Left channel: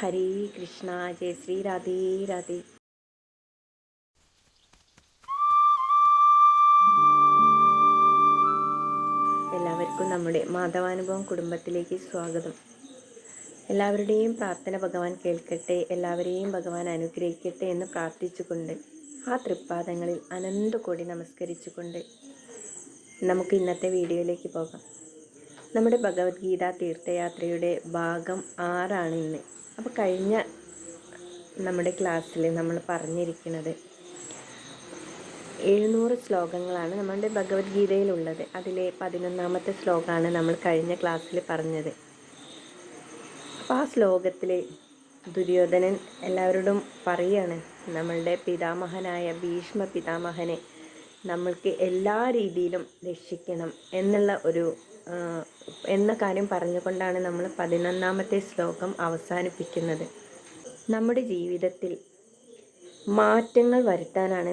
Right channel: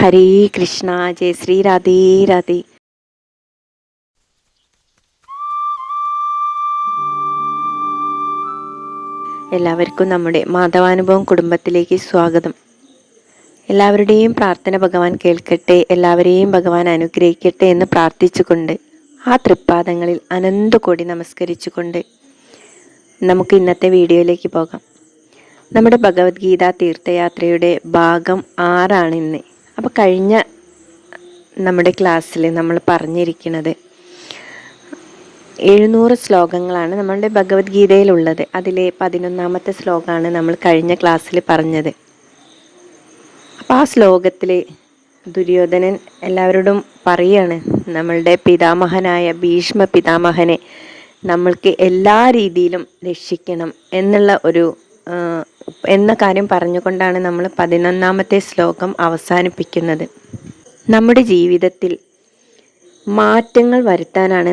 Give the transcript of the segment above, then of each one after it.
ഹരേ കൃഷ്ണ. ജയ ശ്രീ രാധേ രാധേ. എല്ലാവർക്കും നമ്മുടെ മാധവാനുഭവം കുടുംബത്തിലേക്ക് സ്വാഗതം. എല്ലാവരുടെയും പ്രാർത്ഥന ഭഗവാൻ കേൾക്കട്ടെ, എല്ലാവരെയും ഭഗവാൻ അനുഗ്രഹിക്കട്ടെ എന്ന് പ്രാർത്ഥിച്ചുകൊണ്ട് ആ തൃപ്പാദങ്ങളിൽ അനന്തകോടി നമസ്കരിച്ചുകൊണ്ട് നമുക്ക് ഇന്നത്തെ വീഡിയോയിലേക്ക് പോകാം. നമ്മുടെ ഭഗവത്ഗീത തീർത്ഥയാത്രയുടെ ഭാഗം 6 ഇന്ന്. അപ്പോൾ കഴിഞ്ഞ നമ്മുടെ ക്ലാസ്സിൽ നമ്മൾ പറഞ്ഞിരിക്കുന്നത് 700 ശ്ലോകങ്ങളാണ് നമ്മളുടെ ഭഗവത്ഗീതയിലുള്ളത്. അതിലെ 11ാമത്തെ ശ്ലോകമാണ് നമ്മൾ കഴിഞ്ഞ ക്ലാസ്സിൽ പറഞ്ഞത്. അപ്പോൾ ആ ശ്ലോകത്തിൽ ദുര്യോധനൻ എല്ലാവരോടും പറയാണ്, നമ്മളുടെ പിതാമഹനായ ഭീഷ്മ പിതാമഹനെ നമ്മൾക്ക് എല്ലാ രീതിയിലും രക്ഷിക്കണം എന്ന കാര്യം പറഞ്ഞുകൊണ്ടാണ് നമ്മൾ 11ാമത്തെ ശ്ലോകം അവസാനിപ്പിക്കുന്നത്. നമ്മുടെ ജീവിതത്തിൽ മാറ്റങ്ങൾ വരുത്താനാണ്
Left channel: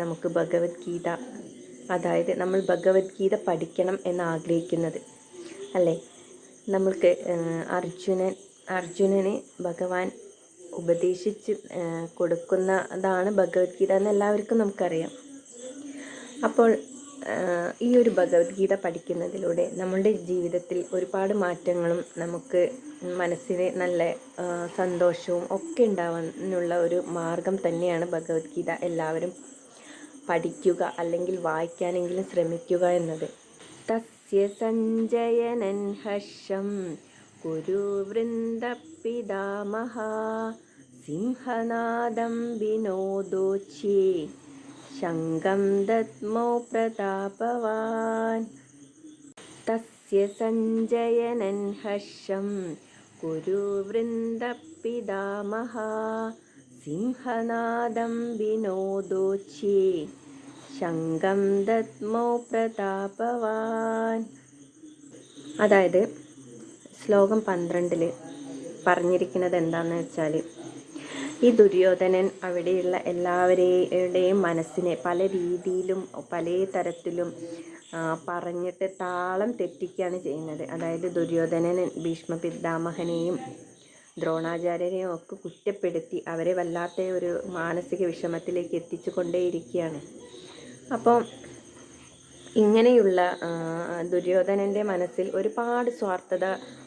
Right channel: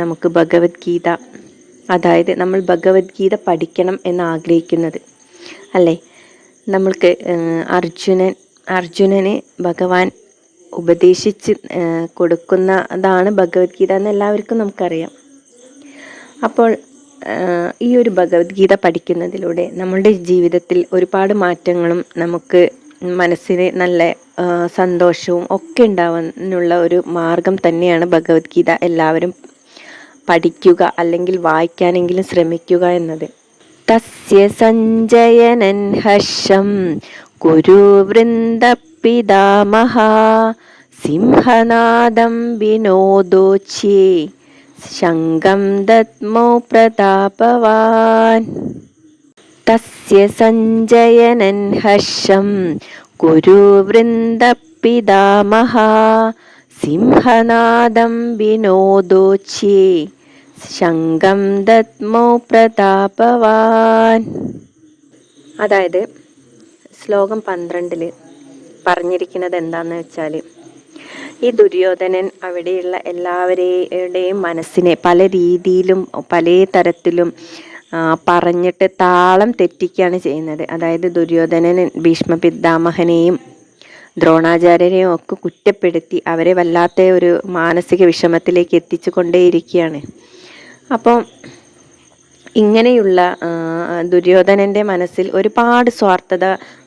നമുക്ക് ഭഗവത്ഗീത, അതായത് നമ്മൾ ഭഗവത്ഗീത പഠിക്കണം എന്ന് ആഗ്രഹിക്കുന്നത് അല്ലേ. നമ്മൾക്ക് അർജുനന് ഭഗവാൻ ഉപദേശിച്ച് കൊടുക്കുന്നതാണ് ഭഗവത്ഗീത എന്ന് എല്ലാവർക്കും നമുക്കറിയാം. അപ്പോൾ ഈ ഒരു ഭഗവത്ഗീത പഠിക്കുന്നതിലൂടെ നമ്മളുടെ ജീവിതത്തിൽ ഒരുപാട് മാറ്റങ്ങളും നമുക്ക് മനസ്സിന് നല്ല സന്തോഷവും ഒക്കെ ഉണ്ടാവാനുള്ള ഒരു മാർഗം തന്നെയാണ് ഭഗവത്ഗീത. എല്ലാവരും പഠിക്കുക, അല്ലെങ്കിൽ വായിക്കാനെങ്കിലും ശ്രമിക്കുക എന്നത്. തസ്യ സഞ്ജയനൻ ഹർഷം കുരു വൃന്ദ പിതാമഹ സിംഹനാദം വിനോദോച്യേ ശംഖം ദദ്മോ പ്രതാപവാൻ. തസ്യ സഞ്ജയനൻ ഹർഷം കുരു വൃന്ദ പിതാമഹ സിംഹനാദം വിനോദോച്യേ ശംഖം ദദ്മോ പ്രതാപവാൻ. അതായത് ശ്ലോകം 12 പറഞ്ഞിരിക്കുന്നത് എന്താന്ന് വെച്ചാൽ, ഈ ദുര്യോധനൻ അവിടെയുള്ള എല്ലാവരുടെയും മനസ്സിനെ പല രീതിയിലും പല തരത്തിലും പറഞ്ഞിട്ട് താളം തെറ്റിക്കുകയാണ് ചെയ്യുന്നത്. അതായത് ദുര്യോധനൻ ഭീഷ്മ പിതാമഹനെയും ദ്രോണാചാര്യരെയും ഒക്കെ കുറ്റപ്പെടുത്തി അവരെ വല്ലാത്ത ഒരു മാനസിക വിഷമത്തിലേക്ക് എത്തിച്ചു കൊണ്ടേയിരിക്കുകയാണ്. അപ്പോൾ ഇങ്ങനെയുള്ള ദുര്യോധനൻ്റെ മനസ്സിൽ ഒരുപാട് സ്വാർത്ഥത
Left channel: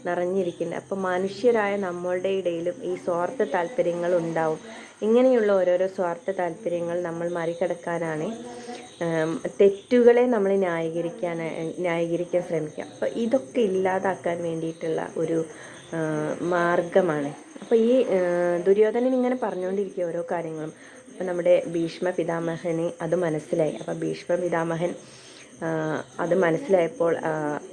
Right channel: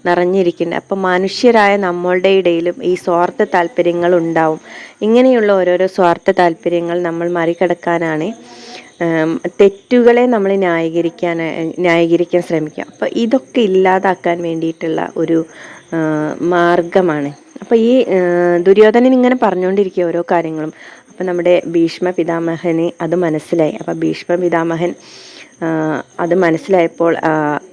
നിറഞ്ഞിരിക്കുന്നുണ്ട്. അപ്പം മനുഷ്യരായ നമ്മളുടെ ഇടയിലും ഈ സ്വാർത്ഥ താല്പര്യങ്ങൾ ഉണ്ടാവും. ഇങ്ങനെയുള്ള ഓരോരോ സ്വാർത്ഥ താല്പര്യങ്ങൾ നമ്മൾ മറികടക്കാനാണ് തെറ്റുകളെ നമ്മൾ ന്യായീകരിക്കാൻ ശ്രമിക്കുക. അപ്പോൾ ഇതൊക്കെ ഇല്ലാതാക്കാൻ വേണ്ടിയിട്ടുള്ള ഒരു മാർഗമാണ്. അപ്പോൾ ഈ ദുര്യോധനൻ ഇങ്ങനെ പറഞ്ഞുകൊണ്ടിരിക്കുക ഓരോ കാര്യങ്ങളും. അപ്പം നമ്മുടെ ഭീഷ്മ പിതാമഹന് അത് മനസ്സിലായി. അപ്പം ഭീഷ്മ പിതാമഹൻ അത് മനസ്സിലായപ്പോൾ,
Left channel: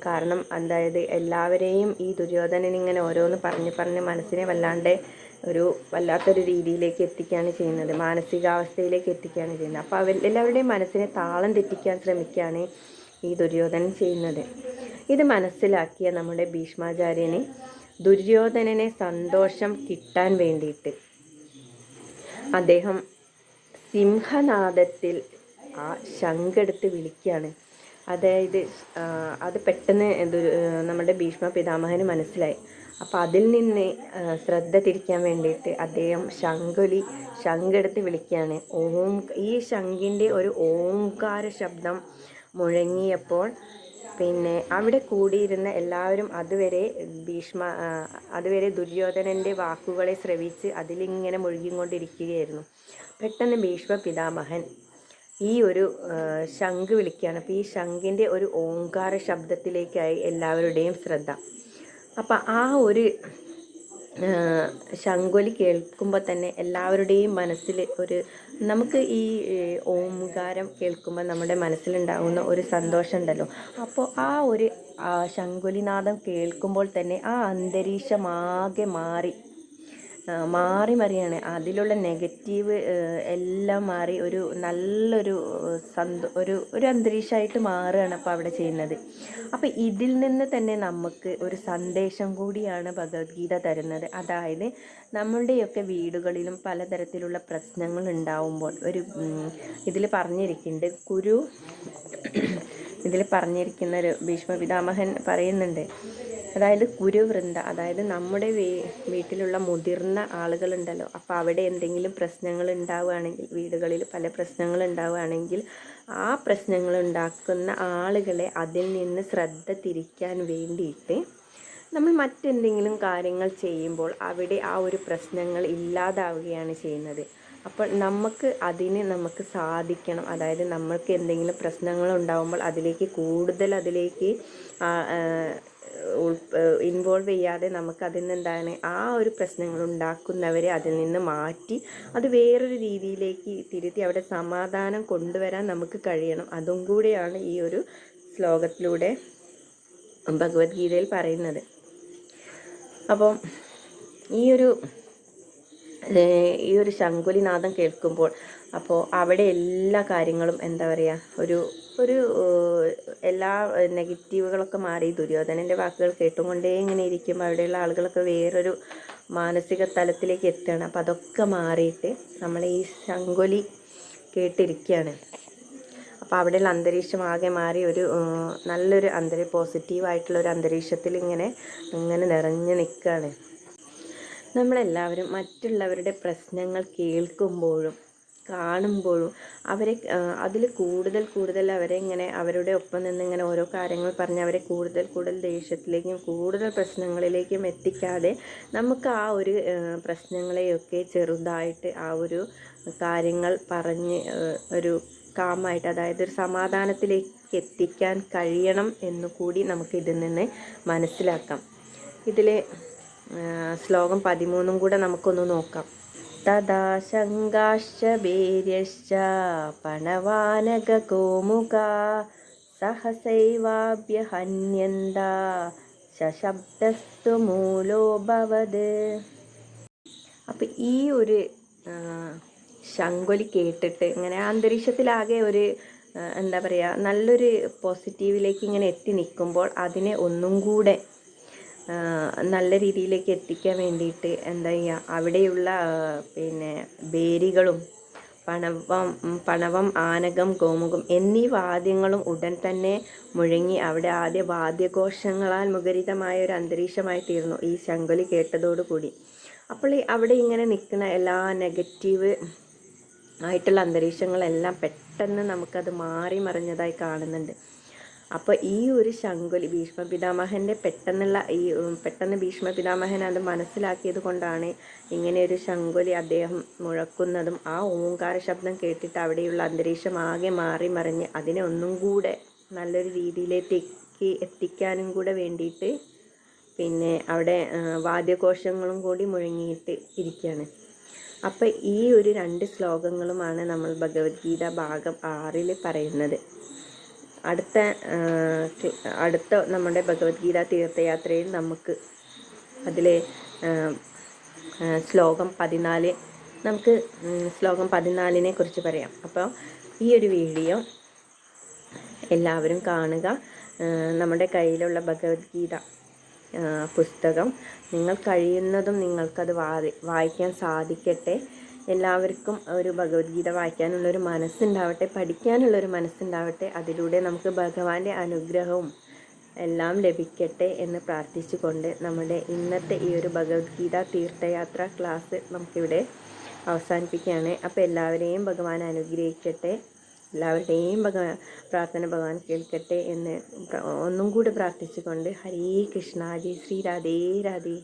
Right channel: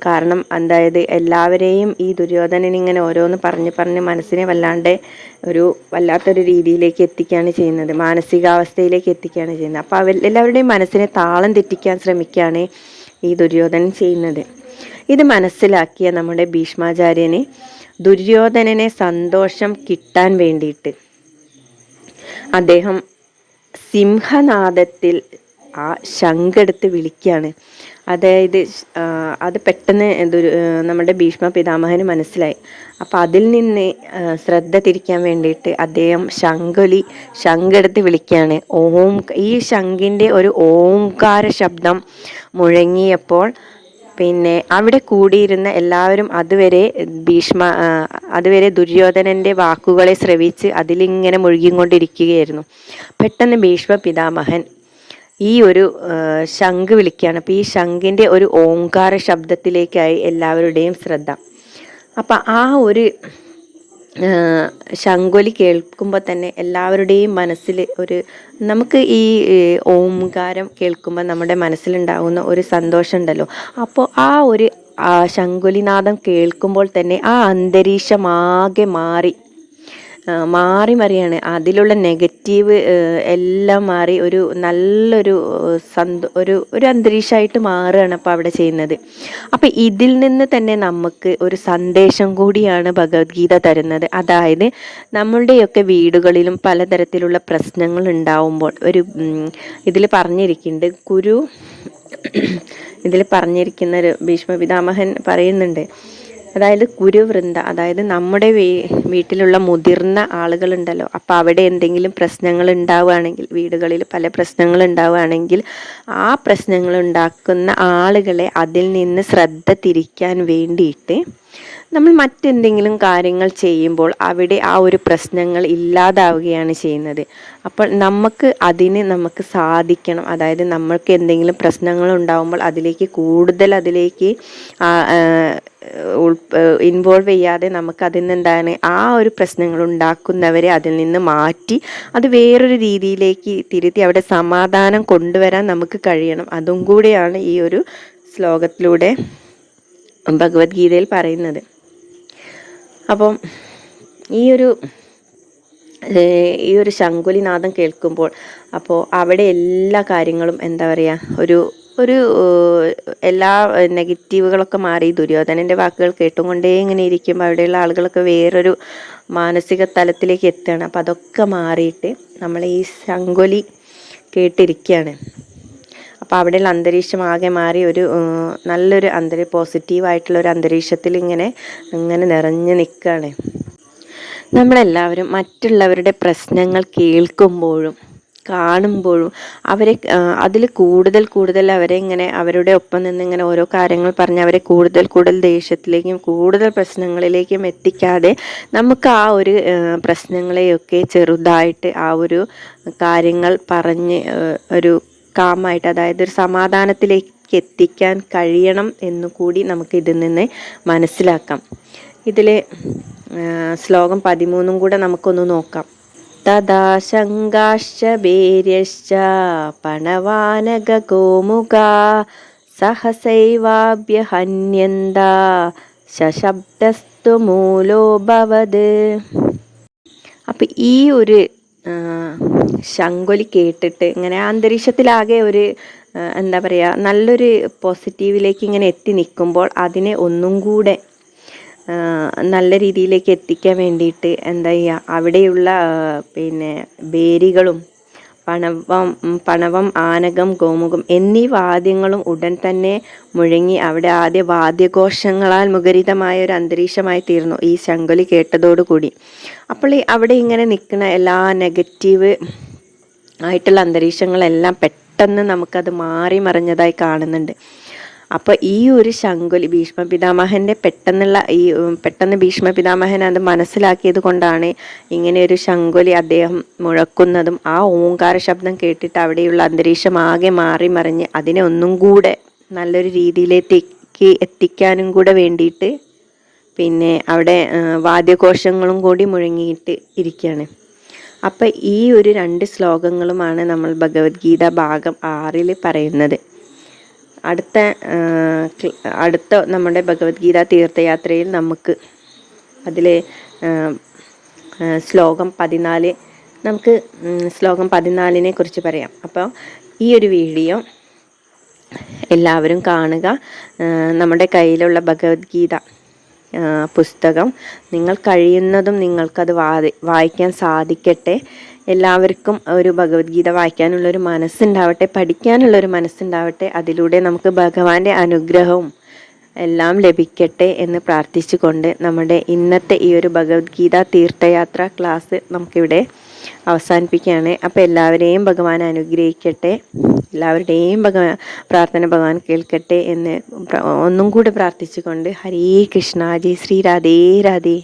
കാരണം എന്തായത് എല്ലാവരെയും ഈ ദുര്യോധനൻ ഇങ്ങനെ ഓരോന്ന് പറഞ്ഞ് മനസ്സിനെ വല്ലാത്തൊരു രീതിയിലേക്ക് എത്തിക്കുകയാണ് ചെയ്യുന്നത്, മാനസികാവസ്ഥയിലേക്ക് എത്തിക്കുകയാണ് ചെയ്യുന്നത്. അപ്പോൾ എല്ലാവരുടെയും മനസ്സിനെ താളം തെറ്റിക്കാൻ ശ്രമിക്കുകയാണ് ഈ ദുര്യോധനൻ ചെയ്യുന്നത്. ഇത് മനസ്സിലാക്കിയ നമ്മുടെ ഭീഷ്മാചാര്യന് ദുര്യോധനനെ സന്തോഷം കിട്ടാൻ വേണ്ടിയിട്ട് അദ്ദേഹം സിംഹനാദത്തിൽ ആ ശംഖെടുത്ത് വിളിക്കുകയാണ്. അതായത് അത് പെട്ടെന്ന് നമ്മുടെ ഭീഷ്മ പിതാമഹന് മനസ്സിലായി. അപ്പം അതിൽ നിന്ന് ശ്രദ്ധ തിരിക്കാൻ വേണ്ടിയിട്ട് അദ്ദേഹം ശംഖെടുത്ത് വിളിക്കുകയാണ്. ഈ ശംഖിൻ്റെ ഒരു ഓംകാര ശബ്ദം മുഴങ്ങിയപ്പോൾ പിന്നെ അവിടെ കൂടിയിരുന്ന എല്ലാവരും അതുവരെ ദുര്യോധനൻ്റെ വാക്കുകളെ ശ്രവിച്ച് അതിലിങ്ങനെ മുഴുകിക്കൊണ്ടിരിക്കുകയായിരുന്നു. പെട്ടെന്ന് ഭീഷ്മ പിതാമഹൻ ഈ ഒരു ശംഖ് വിളിക്കുകയാണ്. അപ്പോൾ ഈ ശംഖിൻ്റെ ഒരു ഓംകാര ശബ്ദത്തിലേക്കായി എല്ലാവരുടെയും ശ്രദ്ധ. അപ്പം ആ ഒരു ശംഖൊലി കേൾക്കുമ്പോൾ തന്നെ എല്ലാവരുടെയും മനസ്സിൽ നമുക്ക് ഈ ഓംകാരം കേൾക്കുമ്പോൾ നമ്മുടെ മനസ്സിലുണ്ടാകുന്ന ഒരു സന്തോഷം ഉണ്ടല്ലോ. അപ്പോൾ ആ ഒരു ശംഖൊലിനാദം കേൾക്കുമ്പോൾ തന്നെ ആ അന്തരീക്ഷമാകെ മറിയാണ്. അതിലുള്ള നെഗറ്റീവ് എല്ലാം മാറി ഒരു നല്ലൊരു ഒരു അന്തരീക്ഷമായിട്ട് മാറുകയാണ് അപ്പോൾ അവിടെ ചെയ്യുന്നത്. അപ്പം ഇതിൽ നിന്ന് തന്നെ നമുക്ക് ഒരു സന്ദേശം കൂടിയാണ് ഭഗവത്ഗീത തരുന്നത്. അതായത് നമ്മളുടെയൊക്കെ വീടുകളിലും പലതരത്തിലുള്ള പ്രശ്നങ്ങൾ ഉണ്ടാവുമ്പോൾ ഇതിൽ പറഞ്ഞിരിക്കുന്ന ഒരു ഭീഷ്മ പിതാമഹൻ പറയുന്നുണ്ട്, അതായത് കുരുവൃന്ദ, അതായത് നമ്മുടെ വീട്ടിലുള്ള മുതിർന്ന ആളുകളുണ്ടല്ലോ, അപ്പോൾ അവിടെ എന്തെങ്കിലും പ്രശ്നങ്ങൾ ഉണ്ടാവുകയാണെങ്കിൽ, വീടുകളിൽ പല പ്രശ്നങ്ങൾ ഉണ്ടാവുകയാണെങ്കിൽ, ആ പ്രശ്നങ്ങൾ ഉണ്ടാക്കുന്ന ആളുകളെ അതിൽ നിന്ന് ശ്രദ്ധ തിരിക്കാൻ വേണ്ടിയിട്ട് നമ്മൾ മറ്റെന്തെങ്കിലും കാര്യങ്ങൾ ചെയ്യുമ്പോൾ അവിടെ ആ ഒരു പ്രശ്നങ്ങൾ ഇല്ലാതാവുകയാണ് ചെയ്യുന്നത്. അപ്പോൾ നമുക്ക് സാധിക്കണം. അതായത് നമ്മൾക്ക് എന്തെങ്കിലും പ്രശ്നങ്ങൾ ഉണ്ടാകുമ്പോൾ അതിലേക്ക് ഇൻവോൾവ് ചെയ്യാതെ നമുക്ക് അതിൽ നിന്ന് എന്താണ് ആ ഒരു പ്രശ്നങ്ങൾ ഉണ്ടാക്കുന്നവരെ അതിൽ നിന്ന് മാറ്റി അത് വേറൊരു രീതിയിലേക്ക് തിരുത്തി അവിടെ സമാധാനം കൊണ്ടുവരാൻ നമുക്ക് കഴിയണം. അതും കൂടിയാണ് ഈ ഒരു ശ്ലോകത്തിലൂടെ ഭഗവത്ഗീതയിൽ പറയുന്നത്. അപ്പം ഈ ഒരു ശംഖുലിനാദം കേൾക്കുമ്പോൾ അപ്പോൾ അവിടെ എല്ലാ കാര്യങ്ങളും എന്താ പറയുക, ഒരു എല്ലാ നെഗറ്റീവുകളൊക്കെ മാറി ദുര്യോധനൻ്റെ വാക്കുകൾ കേട്ടുകൊണ്ടേ ഇങ്ങനെ ഇരിക്കുമ്പോൾ അവിടെയുള്ള ആളുകളൊക്കെ വേറൊരു മാനസിക തലത്തിലേക്ക് എത്തുകയാണ്. അപ്പോൾ അതൊക്കെ മാറിയിട്ട് നമ്മൾ ഈ ശംഖുലി കേട്ടിരിക്കുകയാണ്. അപ്പോൾ അവിടെയുള്ള അന്തരീക്ഷം ആകെ മാറി നല്ലൊരു പോസിറ്റീവായിട്ടുള്ള ഒരു അന്തരീക്ഷത്തിൽ ഇങ്ങനെ നിറഞ്ഞു നിൽക്കുകയാണ്. നമ്മളെല്ലാവരും മറ്റുള്ളവരുടെ പ്രശ്നങ്ങൾ കേൾക്കുമ്പോഴും കാണുമ്പോഴും അവരെ അതിൽ കൂടുതൽ അവരെ ഇങ്ങനെ അവരുടെ ഒപ്പം നിന്ന് ഇങ്ങനെ ഓരോ കാര്യങ്ങൾ പറഞ്ഞ് അവരെ കൂടുതൽ ദേഷ്യത്തിലേക്കും കൂടുതൽ പ്രശ്നങ്ങളിലേക്കും എത്തിക്കാതെ നമുക്ക് ആ ഒരു പ്രശ്നങ്ങളെയൊക്കെ ചെറുതായിട്ട് ആ ഒരു കാര്യങ്ങൾ പറഞ്ഞ് ഒരു കാമായിട്ട്, അതായത് ഒരു സമാധാനത്തിലേക്ക് എത്തിക്കാൻ കഴിയണം എന്നുകൂടി നമുക്ക് ഇതിൽ നിന്ന് മനസ്സിലാക്കാം. ഇതിൽ ശ്ലോകം 13 കൂടെ നമുക്കൊന്ന് നോക്കാം. തഥാ ശങ്കാശ്ച ഭേര്യശ്ച പണവാനക ഗോമുഖാ സഹസൈവാഭ്യഹന്യന്ത ശശബ്ദസ്തു മൂലോ ഭവത്. അപ്പം ഈ ഒരു ശംഖുലി കേട്ടിട്ട് ഇങ്ങനെ അന്തരീക്ഷത്തിലാകെ ഒരു എന്താ പറയുക, നല്ലൊരു പോസിറ്റീവിലേക്ക് ഇങ്ങനെ എത്തി നിൽക്കുമ്പോൾ അതിനെ ഒന്നും കൂടെ നല്ല രീതിയിലേക്ക് എത്തിക്കാൻ വേണ്ടിയിട്ട് എന്താ ചെയ്യുക, അവിടെയുള്ള ബേരികളും പണവം, ആനകം, ഗോമുഖം എന്നീ വാദ്യങ്ങളും ഉടൻ തന്നെ മുഴങ്ങി അവിടെ ആദ്യ വാദ്യഘോഷങ്ങളാൽ മുഖരിതമായ ഒരു അന്തരീക്ഷമായി തീർന്നു ഈ ശംഖുലി കേട്ടതോടുകൂടി. അപ്പോൾ അവിടെ ഇങ്ങനെ നിൽക്കുന്ന എല്ലാ നെഗറ്റീവ് ആയിട്ടുള്ള അന്തരീക്ഷങ്ങളെല്ലാം പെട്ടെന്ന് നമുക്കത് മാറി മറിഞ്ഞതായി കാണുന്നുണ്ട്. അപ്പോൾ ഈ ഒരു ശംഖുലി ഭീഷ്മ പിതാമഹൻ്റെ പെട്ടെന്ന് ഭീഷ്മ പിതാമഹൻ അത് മനസ്സിലാക്കിയത് കൊണ്ടാണ് ഇങ്ങനെ ഒരു ശംഖുലി അദ്ദേഹം മുഴക്കുന്നതും ആ ഓങ്കാര ശബ്ദം കേട്ടിട്ട് അവിടെയുള്ള അന്തരീക്ഷം ആകെ മാറി മറിഞ്ഞ് അതിനെ ഒന്നും കൂടെ നല്ലൊരു രീതിയിലേക്ക് എത്തിക്കാനും കൂടെ വേണ്ടിയിട്ട് അവിടെ വാദ്യഘോഷങ്ങളും കൂടി മുഴങ്ങിയിട്ട് ഇരിക്കുകയാണ്. അപ്പം ഈ ഒരു 2 ശ്ലോകങ്ങളുമാണ് നമ്മൾ ഭഗവത്ഗീത ഭാഗം 6 പറയുന്നത്. അടുത്ത നമ്മുടെ ഭഗവത്ഗീത തീർത്ഥയാത്രയിൽ നമുക്ക് അതിലെ ശ്ലോകം 14 നമുക്ക് ശ്ലോകം 14 കുറിച്ച് പറയാം. അപ്പോൾ ഈ ഒരു വീഡിയോ എല്ലാവരും കാണുക. നമ്മുടെ കയ്യിലുള്ള ഭഗവത്ഗീത പുസ്തകം നിങ്ങൾ കഴിയുന്നതും നിങ്ങൾക്കത് വായിക്കാൻ സാധിക്കട്ടെ. എല്ലാവർക്കും ഒരു ഭഗവത്ഗീത വായിക്കാനുള്ളൊരു മനസ്സുണ്ടാവട്ടെ, പഠിക്കാനുള്ളൊരു മനസ്സുണ്ടാവട്ടെ. അതിലൂടെ നമുക്ക് ഭഗവാന്റെ അനുഗ്രഹവും എല്ലാം ലഭിക്കട്ടെ എന്ന് പ്രാർത്ഥിച്ചുകൊണ്ട് നമ്മുടെ ഇന്നത്തെ ഈ ഒരു ഭഗവത്ഗീത തീർത്ഥയാത്ര ക്ലാസ് നമുക്കിവിടെ അവസാനിപ്പിക്കുകയാണ്. അപ്പോൾ എല്ലാവരെയും ഭഗവാൻ അനുഗ്രഹിക്കട്ടെ, എല്ലാവരുടെയും പ്രാർത്ഥന ഭഗവാൻ കേൾക്കട്ടെ എന്ന് ഒന്നും കൂടി പ്രാർത്ഥിച്ചുകൊണ്ട് ഹരേ കൃഷ്ണ, ജയ് ശ്രീ രാധേ രാധേ.